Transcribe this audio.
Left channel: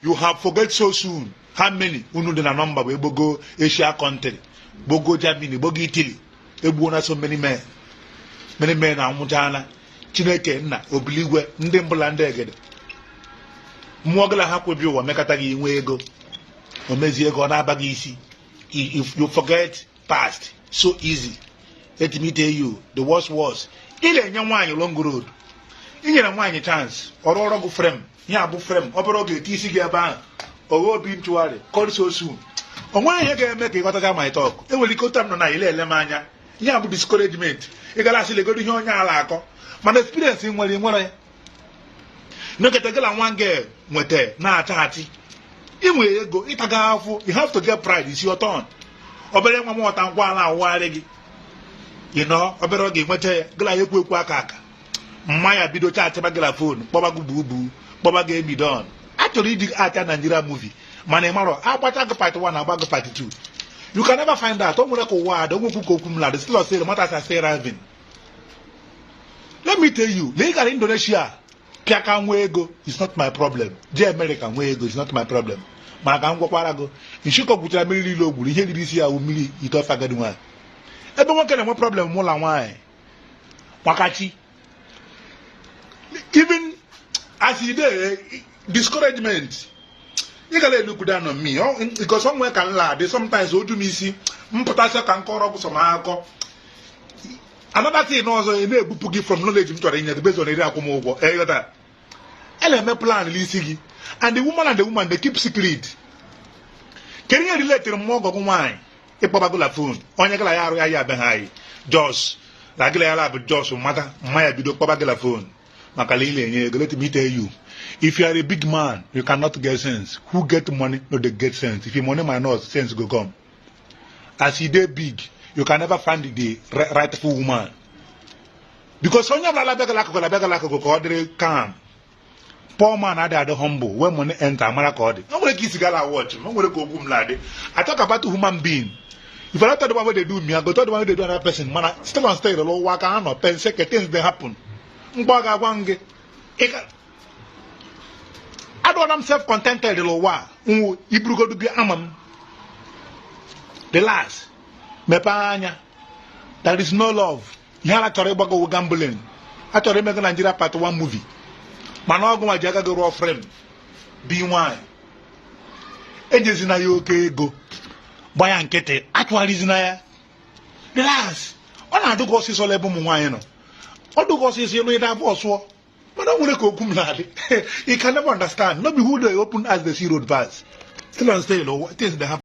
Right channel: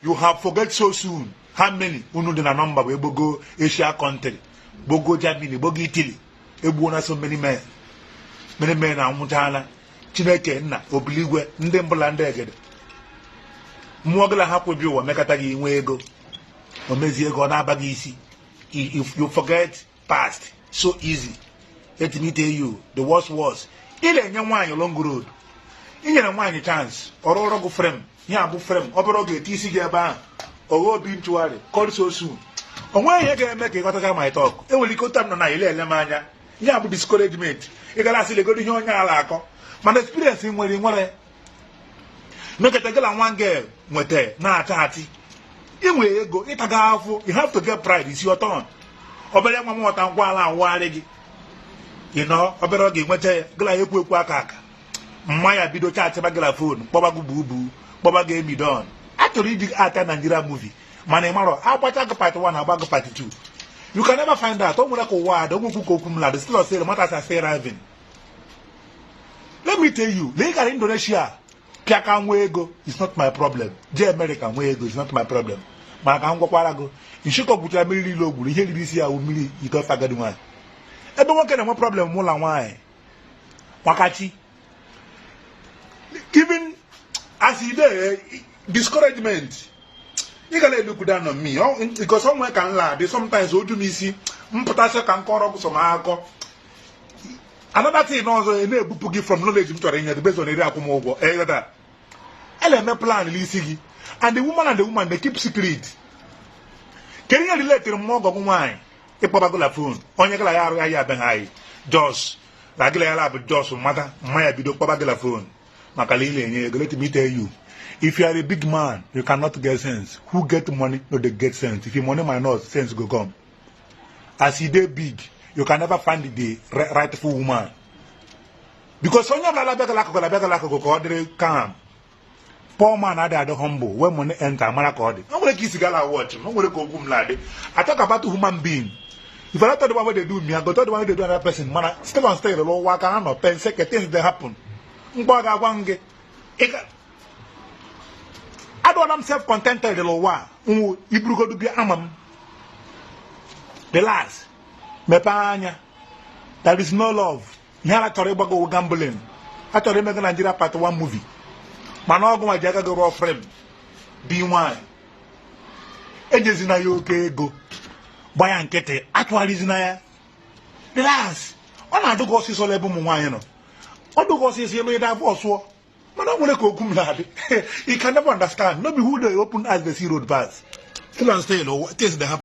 You have forget so soon how many unu dị na number bụ egbogo Asia country, gbogo Germany, gbogo Italy, egbuona so many men anwụchaala. Chineke nna obiligwe ndị mbụla ndị egede mmụọ gịla ha kwebi ụwa mekata gị inwe ego o mezie ego ọ na-abaghị isi. If you forget past so easy, let me tell you the worst was ị na-enye nwaanyị long road, ị nyere nwaanyị chance ọrụ ọrụ gụ frame ya abụ frame ọ bụrụ oge eti isi gị ebe ahụ oghe obi ntụgharị call so soon. O nweghị ihe ga-eme ka ịghọtaga my talk. Enwere ike ụta nọ na ile ele m anya ihe abụ discouragement. Ị gara asị legodo ihe onye ala akọ mana experience nwere mekata gala nwa girl nweta na-acha achị inwe ego ịtaga afọ. You have to get pride. It's your turn. Obere nwa m ọta ngwa ala awụgharị gị obere oge nweta ya gala ekwu aka mmanya bido chaachịba gala fon kpọbago bubu kpọbago emidon. Achọrọ ịdị ata Nigeria movie mana ị marọ agbacha gị part 1 agbago part 2. You can never find out. O nwere ka ụwa ada onwekwu ka okwu m ladị still osere matters are still rising. Let me tell you, legally Indonesia, Piaka nwe ego is not my problem. Je America nwe ego is not my problem. Mana ka ngwakwara go, nshiko butara mmiri ile ogburu ihe riri isi ya mmiri ito fagadi nwa. Ebe nwoke na-enwe problem mụ la nwaanyị. Wakachi. Even as you dey discouragement. You gotta look down on me, because somewhere can lie. Sometimes odu m isi mpụta sị ka nkọrọ bụ sọmakọ. Another thing also, na-ebupụ gị from knowledge m chọrọ inye based on eri akwụmụgwọ. Eyota. Ele plan lisi gị. And the woman they keep secret. Can you relate to mmụọ ọgọ nwaanyị? Ịkpọbago la phone. Onye gala ya arụ ya be ha yi. Jos. La gala ya la bụ Jos mata mmanya bido kpọbago la phone. Maka ile enye ego. Let me tell you. If you are a big man, you cannot get sense. Who get money, no they get sense. If your money minus, sense go come. As you get big, you can never find the rightful woman. Because when you are calm, poor man are the humble. When money enter, I'm not going to kiss gala watch. I'm going to go boom lady. I talk about a human being. If I don't talk about what they do me, I go talk about what they do another person. Man, still on stage, the low work, I know, pen second things they happen. I don't am self-contented the lowa. Ibru go to be amam. The last. Mepanya. There is no love. You have to go gambling. I to remember Nigeria part 1 movie. Manogo my jaga go raw frame. B1. Ejes na yo okay go. Buy and kete. Actually is na. The last. Ona do go see so lebu mu wan no. Odo go see you know that boss wo. You can never understand. Not be who they open as the sea road pass. Still on sale, what is the happen?